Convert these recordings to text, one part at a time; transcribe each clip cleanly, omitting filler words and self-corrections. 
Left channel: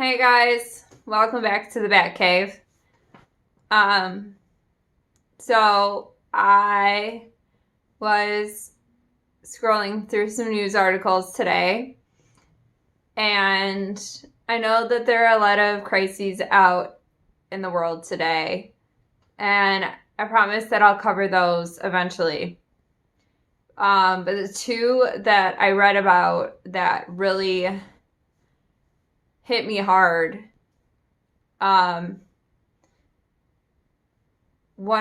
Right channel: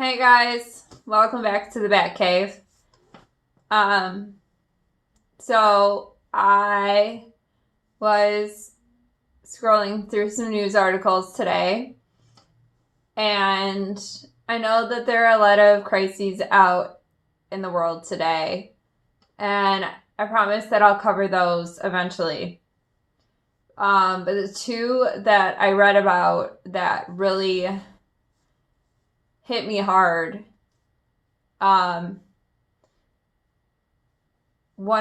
Hey guys, welcome back to the Bat Cave. So I was scrolling through some news articles today, and I know that there are a lot of crises out in the world today, and I promise that I'll cover those eventually. But the two that I read about that really hit me hard. One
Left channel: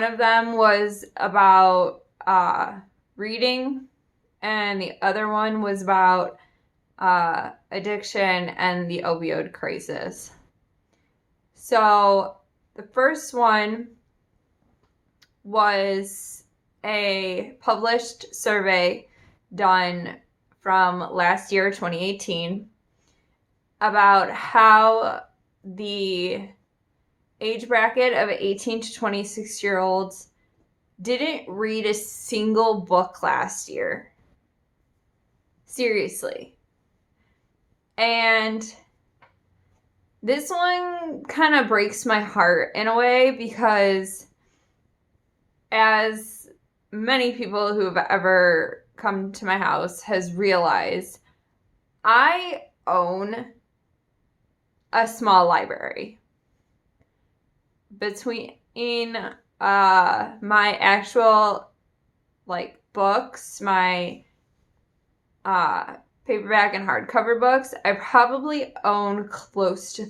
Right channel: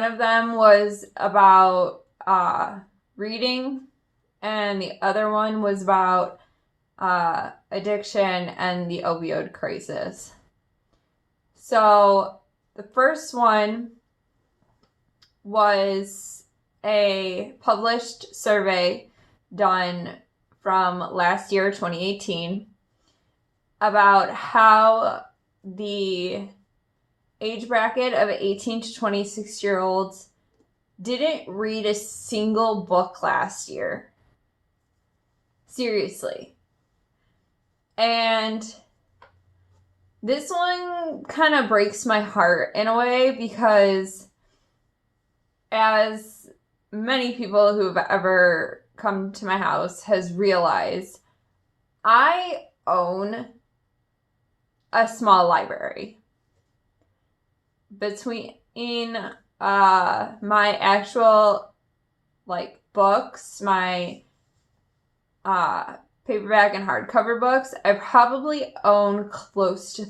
of them was about reading, and the other one was about addiction and the opioid crisis. So the first one was a published survey done from last year, 2018, about how the age bracket of 18 to 26-year-olds didn't read a single book last year. Seriously. And this one kind of breaks my heart in a way, because as many people who have ever come to my house has realized, I own a small library. Between my actual books, my paperback and hardcover books, I probably own close to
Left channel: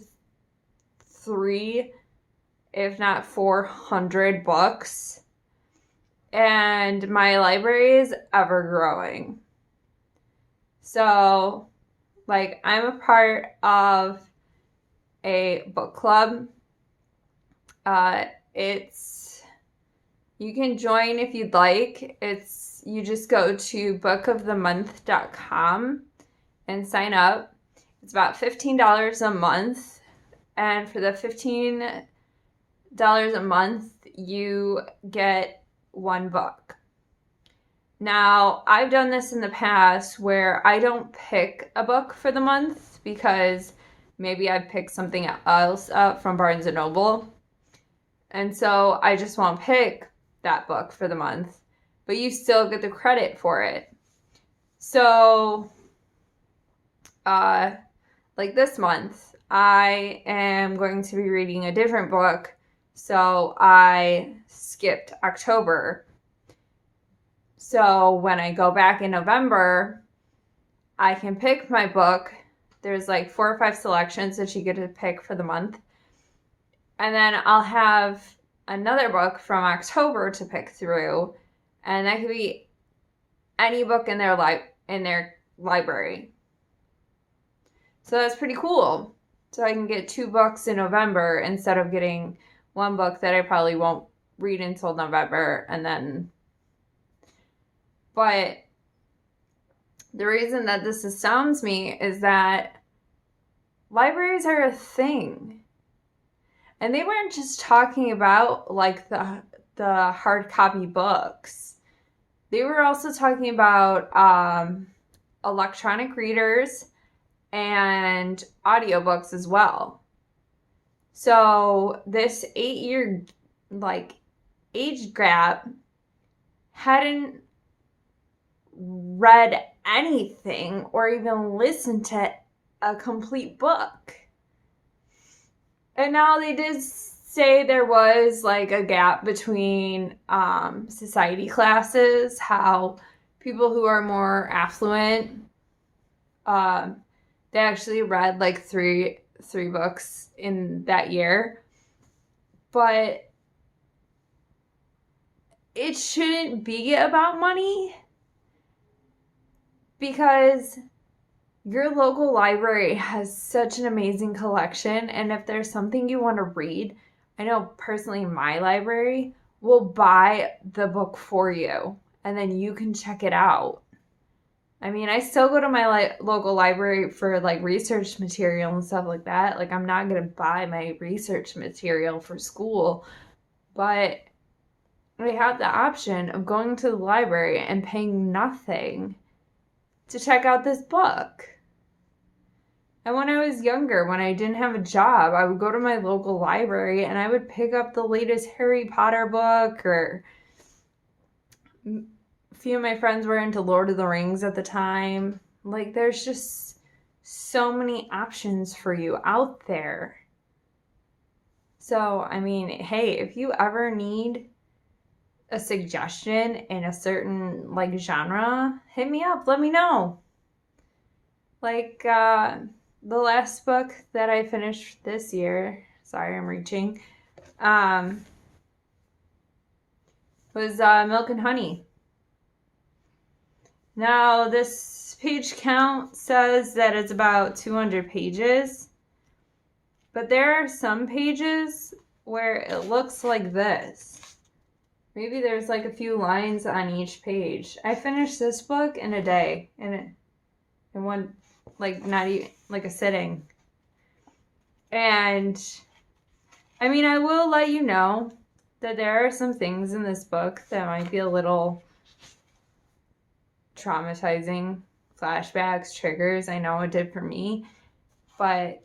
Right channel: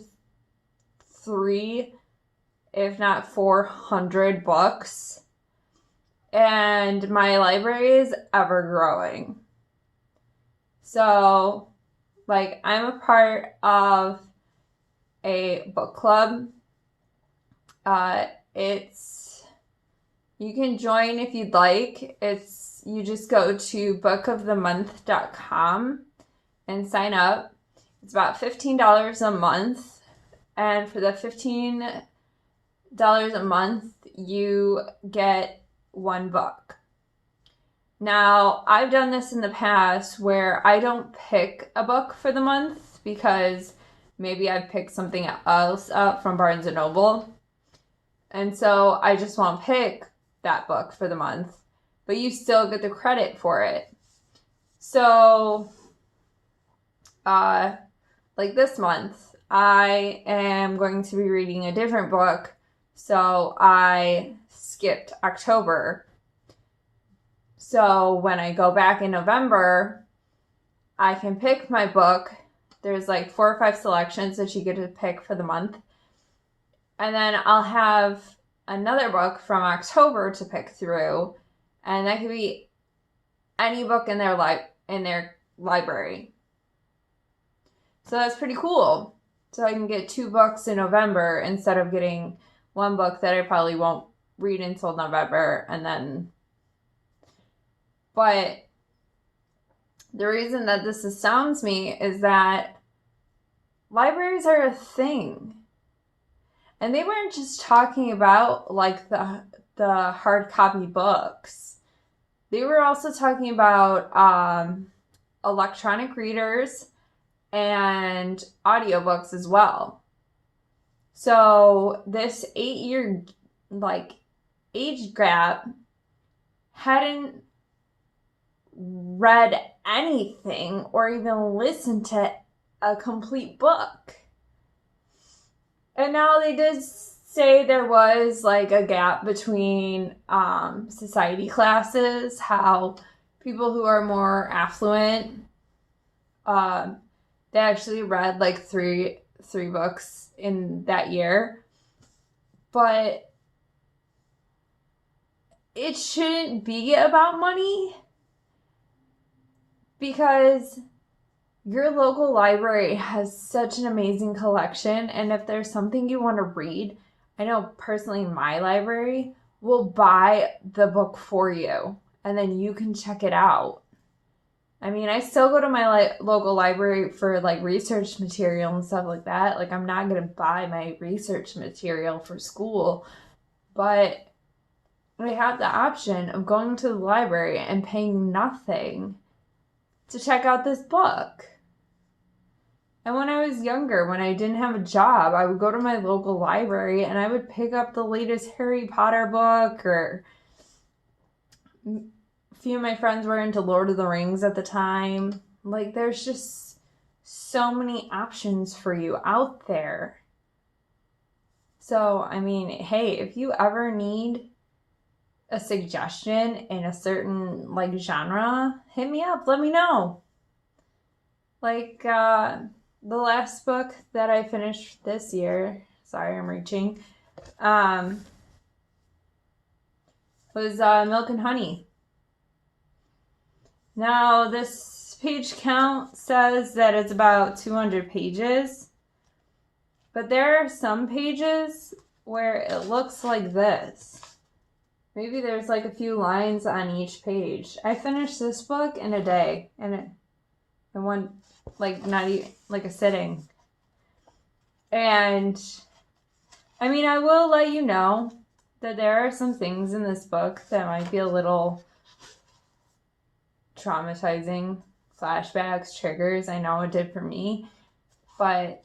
3, if not 400 books. And my library is ever growing. So, I'm a part of a book club. You can join if you'd like. You just go to bookofthemonth.com and sign up. It's about $15 a month. And for the $15 a month, you get one book. Now, I've done this in the past where I don't pick a book for the month because maybe I've picked something else up from Barnes & Noble. And so I just won't pick that book for the month, but you still get the credit for it. So, this month, I am going to be reading a different book. So I skipped October. So when I go back in November, I can pick my book. There's 4 or 5 selections that you get to pick for the month. And then I'll have another book from October to pick through. And that could be any book in their library. So that's pretty cool. So I can get 2 books in November instead of getting 1 book that I probably won't read until November. But the reason that this astounds me is that libraries are a thing. And they weren't just talking about the hard copy books. They were also talking about electronic readers and audiobooks as well. So this 8-year age gap hadn't read anything or even listened to a complete book. And now they did say there was a gap between society classes, how people who are more affluent, they actually read three books in that year. But it shouldn't be about money, because your local library has such an amazing collection, and if there's something you want to read, I know personally my library will buy the book for you, and then you can check it out. I mean, I still go to my local library for research material and stuff like that. I'm not going to buy my research material for school, but I have the option of going to the library and paying nothing to check out this book. And when I was younger, when I didn't have a job, I would go to my local library and I would pick up the latest Harry Potter book, or a few of my friends were into Lord of the Rings at the time. Like, there's just so many options for you out there. So, I mean, hey, if you ever need a suggestion in a certain like genre, hit me up, let me know. Like the last book that I finished this year, sorry I'm reaching, was Milk and Honey. Now this page count says that it's about 200 pages, but there are some pages where it looks like this. Maybe there's like a few lines on each page. I finished this book in a day, and in one, like, not even like a sitting. And I mean, I will let you know that there are some things in this book that might be a little traumatizing, flashbacks, triggers. I know it did for me. But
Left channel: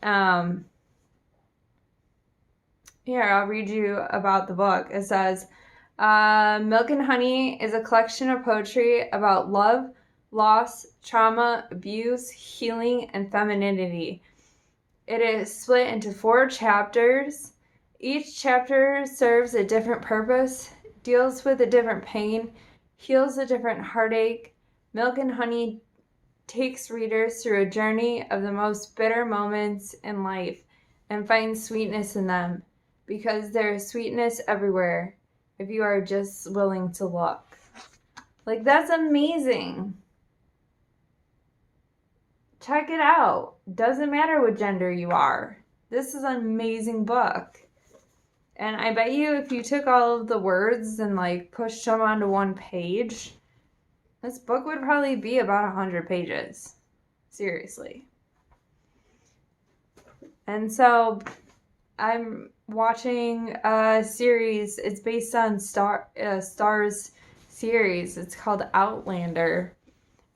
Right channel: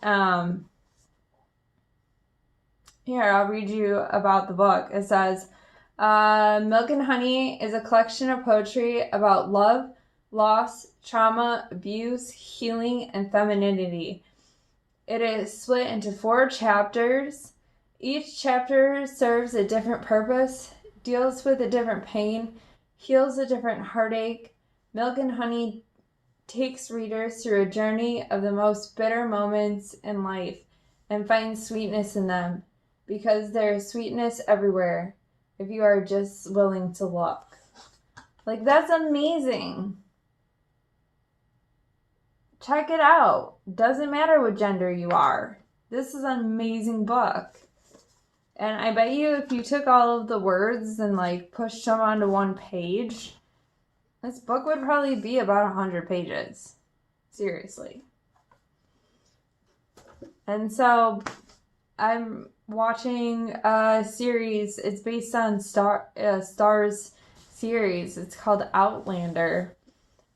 here, I'll read you about the book. It says, Milk and Honey is a collection of poetry about love, loss, trauma, abuse, healing, and femininity. It is split into 4 chapters. Each chapter serves a different purpose, deals with a different pain, heals a different heartache. Milk and Honey takes readers through a journey of the most bitter moments in life and finds sweetness in them, because there is sweetness everywhere if you are just willing to look. Like, that's amazing. Check it out. Doesn't matter what gender you are. This is an amazing book. And I bet you if you took all of the words and like pushed them onto one page, this book would probably be about 100 pages. Seriously. And so I'm watching a series. It's based on Starz series. It's called Outlander.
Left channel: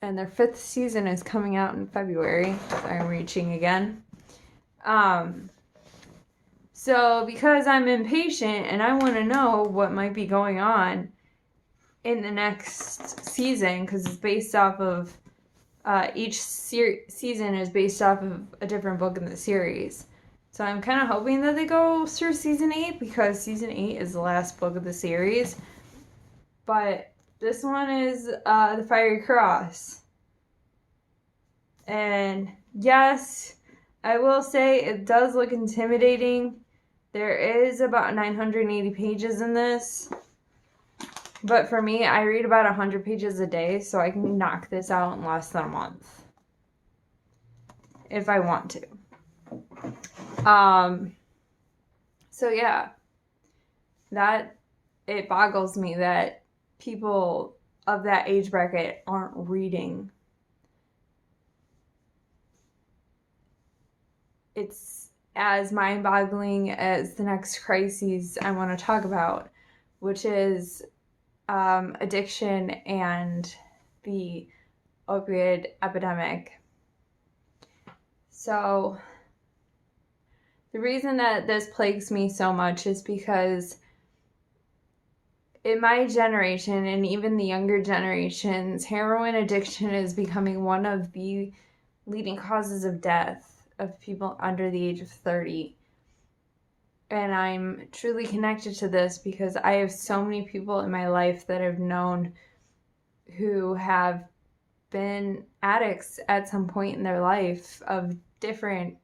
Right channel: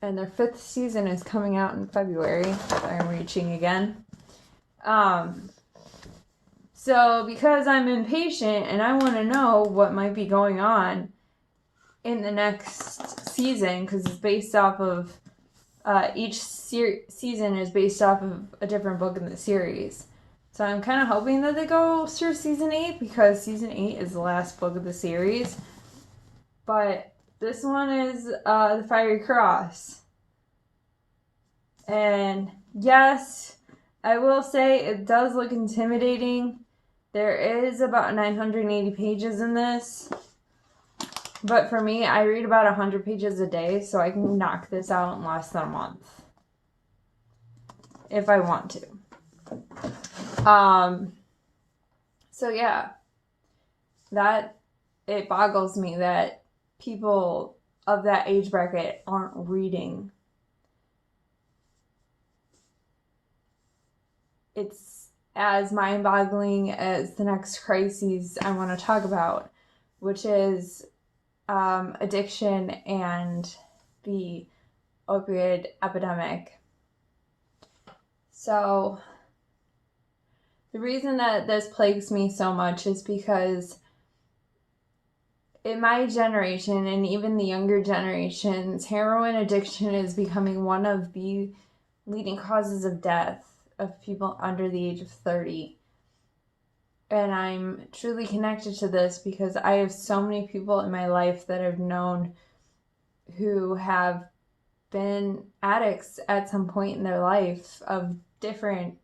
And their 5th season is coming out in February. I'm reaching again. So because I'm impatient and I want to know what might be going on in the next season, because it's based off of each season is based off of a different book in the series. So I'm kind of hoping that they go through season 8, because season 8 is the last book of the series. But this one is The Fiery Cross. And yes, I will say it does look intimidating. There is about 980 pages in this. But for me, I read about 100 pages a day, so I can knock this out in less than a month. If I want to. So yeah. That, it boggles me that people of that age bracket aren't reading. It's as mind-boggling as the next crises I want to talk about, which is addiction and the opioid epidemic. So the reason that this plagues me so much is because in my generation and even the younger generations, heroin addiction is becoming one of the leading causes of death of people under the age of 30. And I'm truly connected to this because I have so many people in my life that I've known who have been addicts at some point in their life of different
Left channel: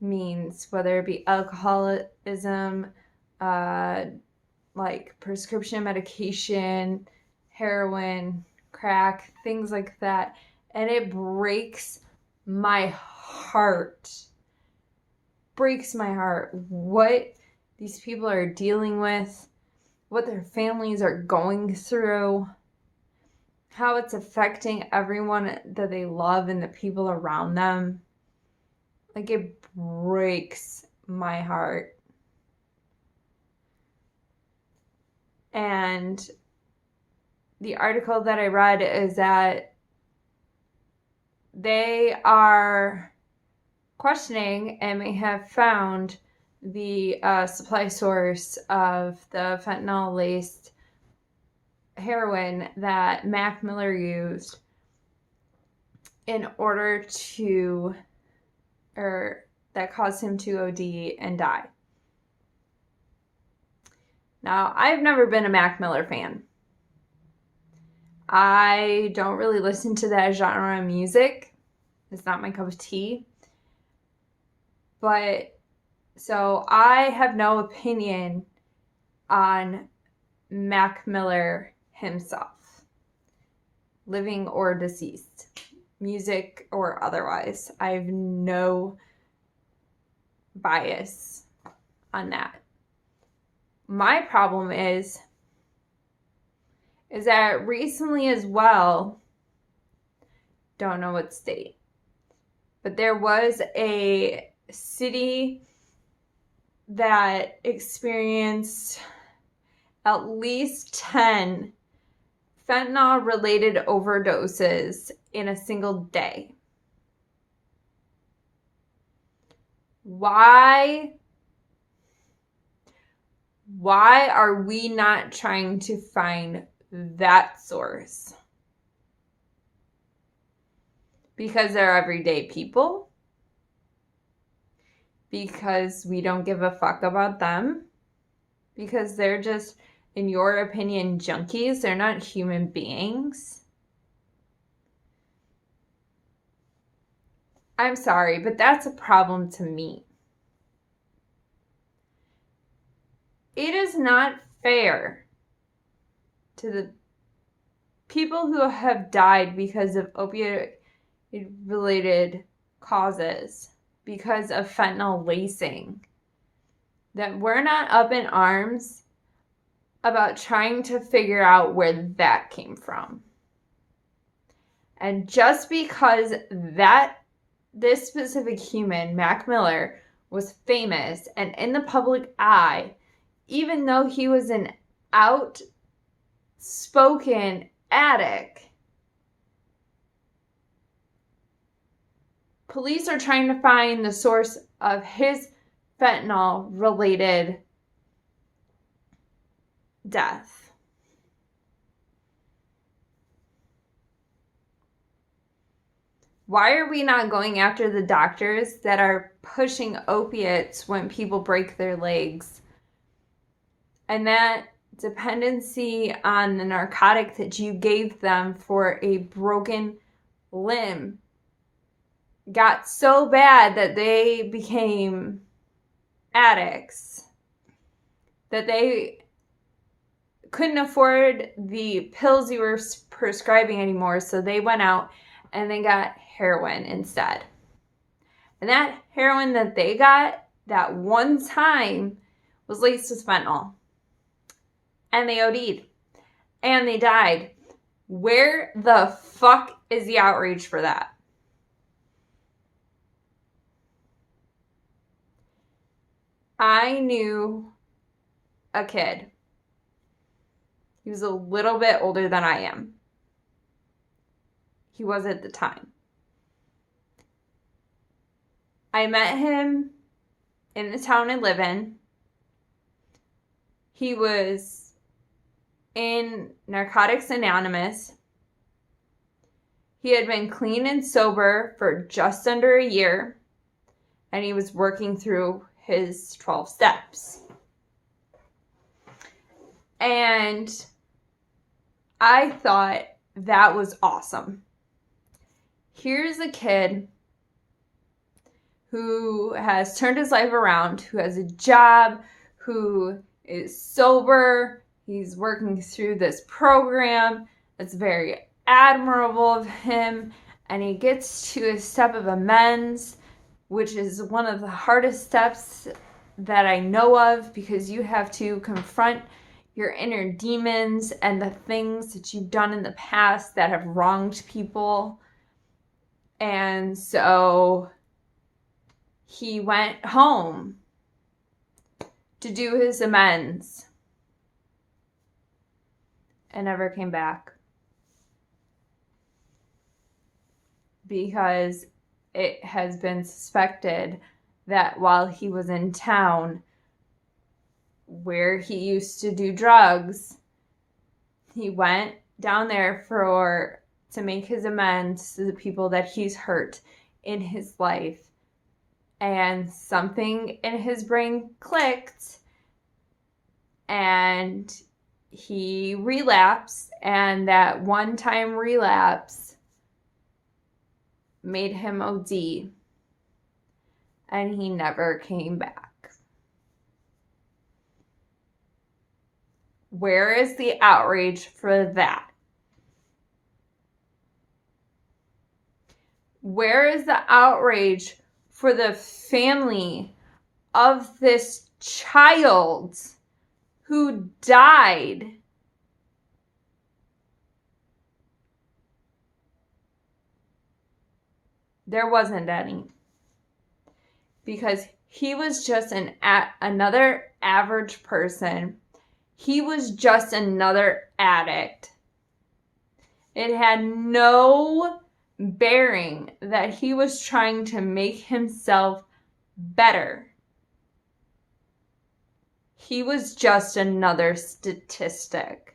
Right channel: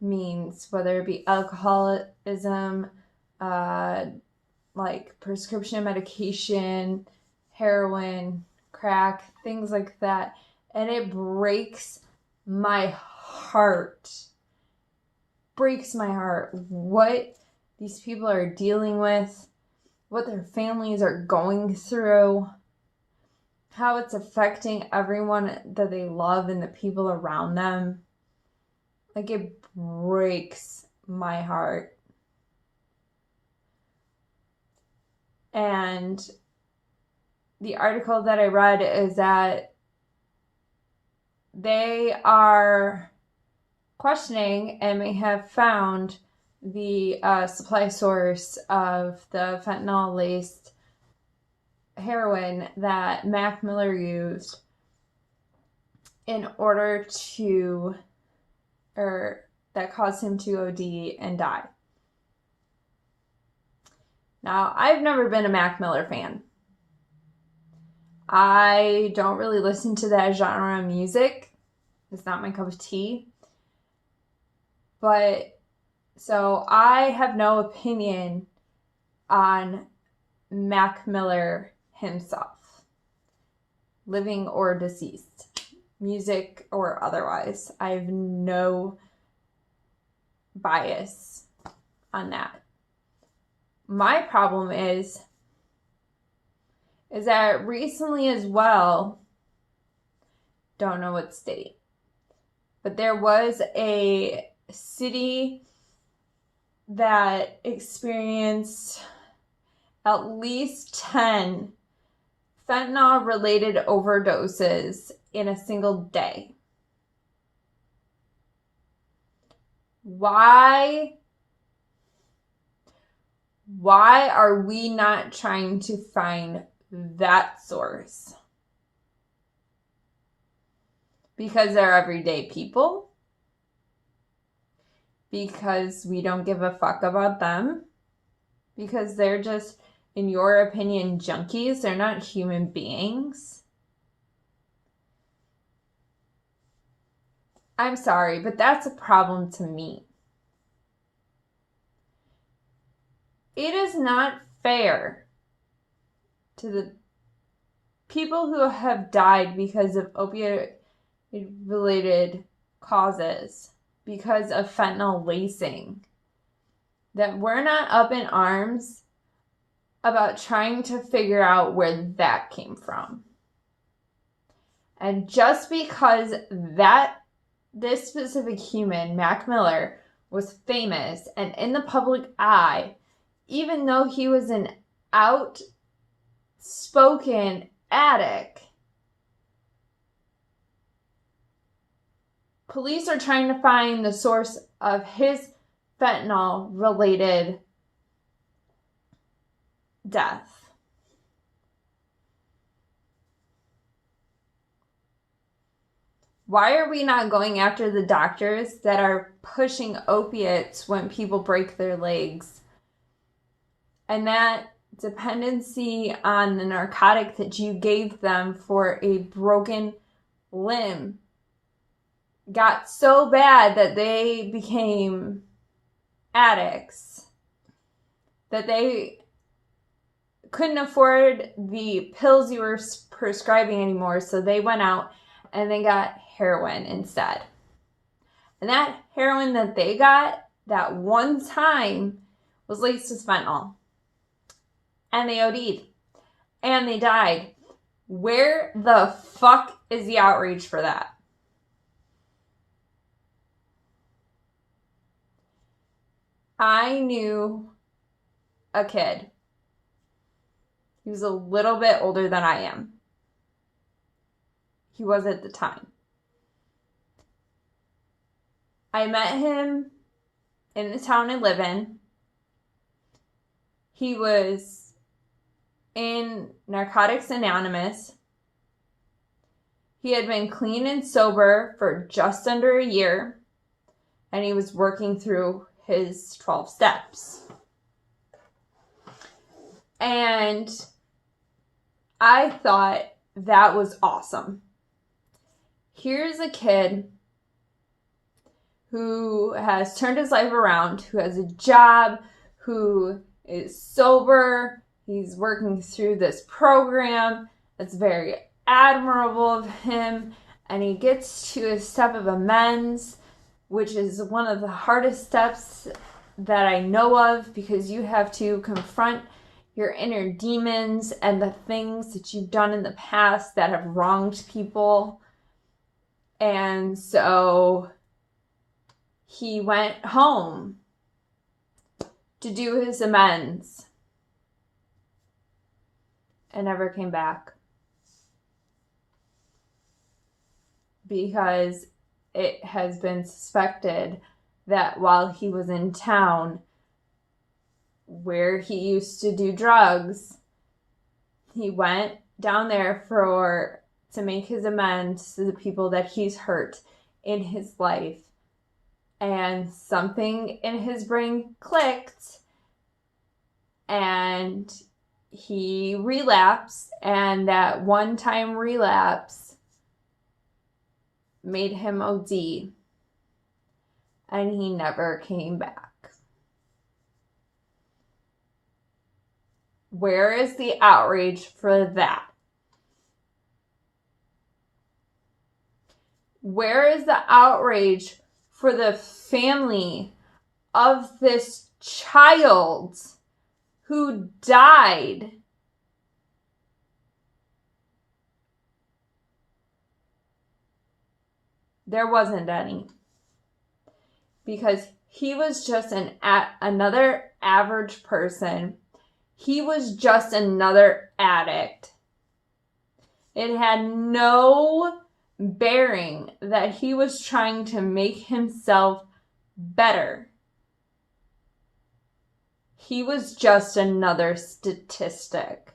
means, whether it be alcoholism, like prescription medication, heroin, crack, things like that. And it breaks my heart. Breaks my heart what these people are dealing with, what their families are going through, how it's affecting everyone that they love and the people around them. Like, it breaks my heart. And the article that I read is that they are questioning and may have found the supply source of the fentanyl-laced heroin that Mac Miller used in order to, or that caused him to OD and die. Now, I've never been a Mac Miller fan. I don't really listen to that genre of music. It's not my cup of tea. But, so I have no opinion on Mac Miller himself, living or deceased, music or otherwise. I have no bias on that. My problem is that recently as well, don't know what state, but there was a city that experienced at least 10 fentanyl-related overdoses in a single day. Why are we not trying to find that source? Because they're everyday people? Because we don't give a fuck about them? Because they're just, in your opinion, junkies? They're not human beings? I'm sorry, but that's a problem to me. It is not fair to the people who have died because of opiate-related causes, because of fentanyl lacing, that we're not up in arms about trying to figure out where that came from. And just because this specific human, Mac Miller, was famous and in the public eye, even though he was an outspoken addict, police are trying to find the source of his fentanyl-related death. Why are we not going after the doctors that are pushing opiates when people break their legs? And that dependency on the narcotic that you gave them for a broken limb got so bad that they became addicts, that they couldn't afford the pills you were prescribing anymore, so they went out and they got heroin instead. And that heroin that they got that one time was laced with fentanyl. And they OD'd. And they died. Where the fuck is the outrage for that? I knew a kid. He was a little bit older than I am. He was at the time. I met him in the town I live in. He was in Narcotics Anonymous. He had been clean and sober for just under a year, and he was working through his 12 steps. And I thought that was awesome. Here's a kid who has turned his life around, who has a job, who is sober. He's working through this program. It's very admirable of him. And he gets to a step of amends, which is one of the hardest steps that I know of, because you have to confront your inner demons and the things that you've done in the past that have wronged people. And so he went home to do his amends and never came back. because it has been suspected that while he was in town where he used to do drugs, he went down there to make his amends to the people that he's hurt in his life. And something in his brain clicked and he relapsed, and that one-time relapse made him OD, and he never came back. Where is the outrage for that? Where is the outrage for the family of this child who died? There wasn't any. Because he was just another average person. He was just another addict. It had no bearing that he was trying to make himself better. He was just another statistic.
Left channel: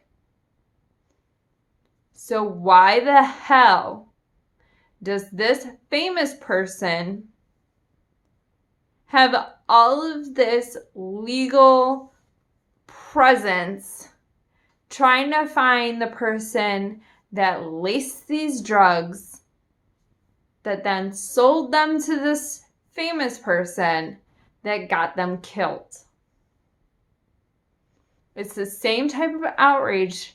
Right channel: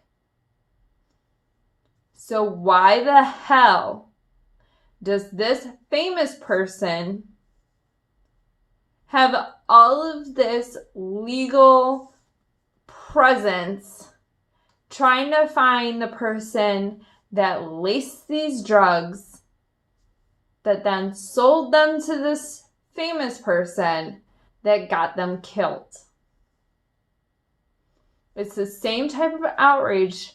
So why the hell does this famous person have all of this legal presence trying to find the person that laced these drugs, that then sold them to this famous person that got them killed? It's the same type of outrage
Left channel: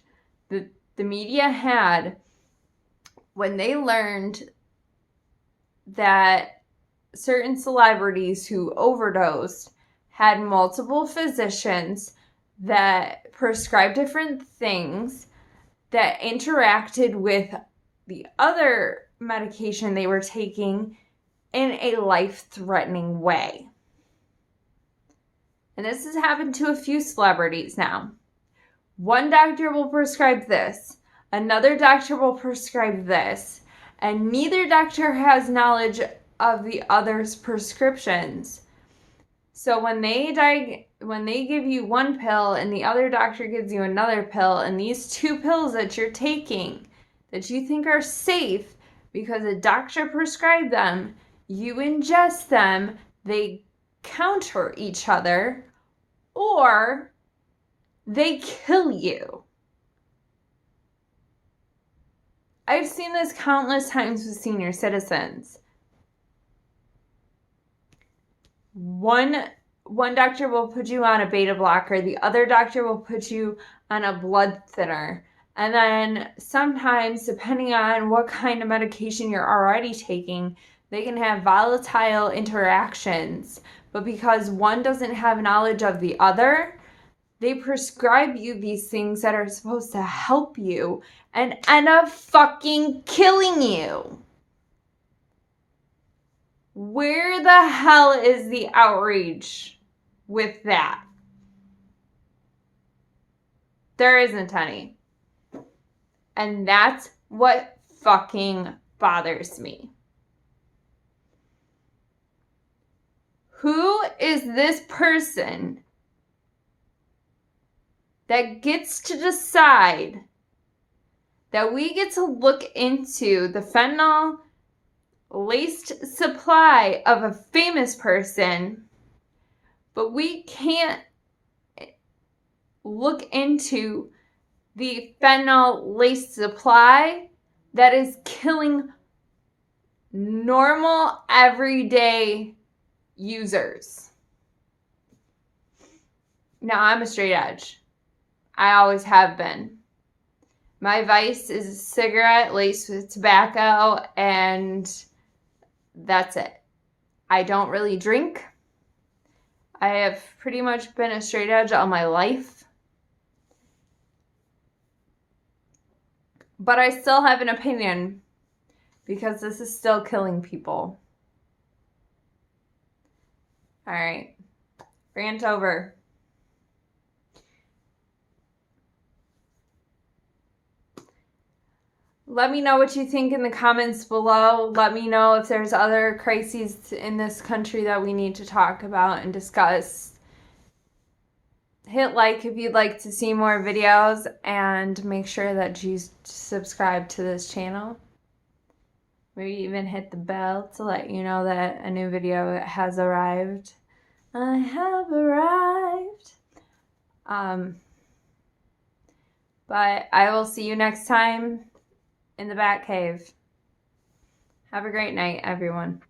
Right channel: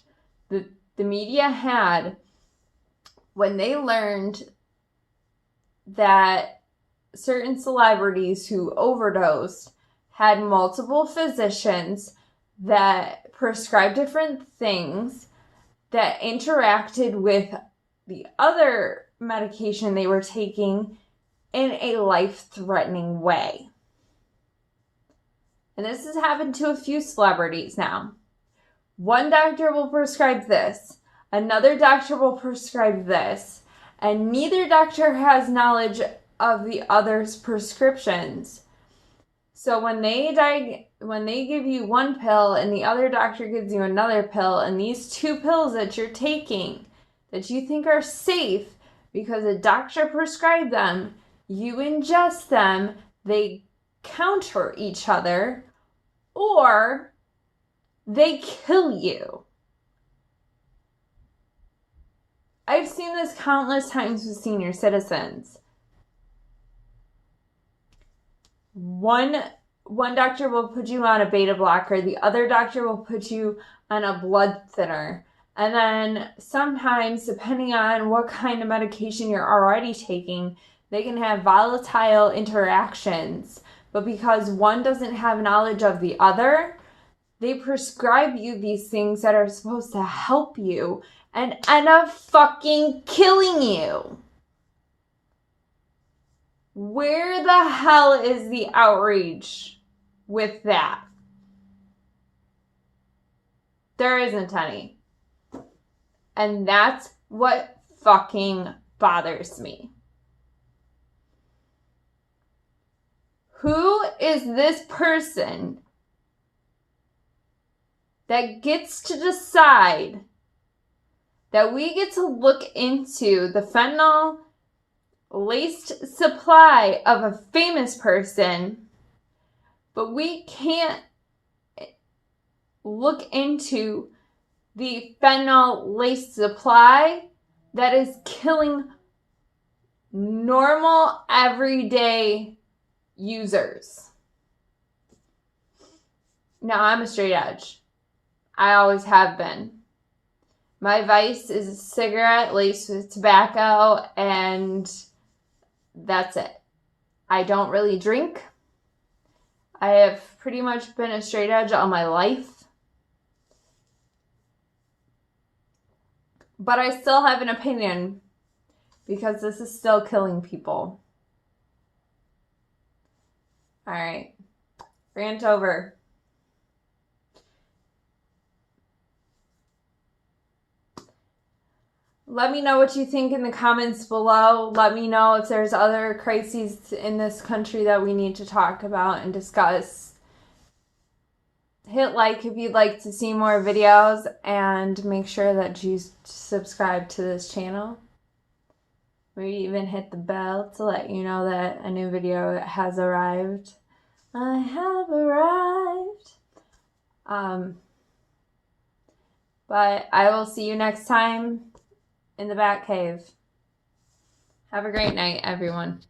that the media had when they learned that certain celebrities who overdosed had multiple physicians that prescribed different things that interacted with the other medication they were taking in a life-threatening way. And this has happened to a few celebrities now. One doctor will prescribe this, another doctor will prescribe this, and neither doctor has knowledge of the other's prescriptions. So when they give you one pill and the other doctor gives you another pill, and these two pills that you're taking that you think are safe because a doctor prescribed them, you ingest them, they counter each other, or they kill you. I've seen this countless times with senior citizens. One doctor will put you on a beta blocker, the other doctor will put you on a blood thinner. And then sometimes, depending on what kind of medication you're already taking, they can have volatile interactions. But because one doesn't have knowledge of the other, they prescribe you these things that are supposed to help you and end up fucking killing you. Where the hell is the outrage with that? There isn't any. And that's what fucking bothers me. Who is this person that gets to decide that we get to look into the fentanyl laced supply of a famous person, but we can't look into the fentanyl laced supply that is killing normal, everyday users? Now, I'm a straight edge. I always have been. My vice is a cigarette laced with tobacco, and that's it. I don't really drink. I have pretty much been a straight edge all my life. But I still have an opinion because this is still killing people. All right. Rant over. let me know what you think in the comments below. Let me know if there's other crises in this country that we need to talk about and discuss. Hit like if you'd like to see more videos, and make sure that you subscribe to this channel. Maybe even hit the bell to let you know that a new video has arrived. I have arrived. But I will see you next time in the Bat Cave. Have a great night, everyone.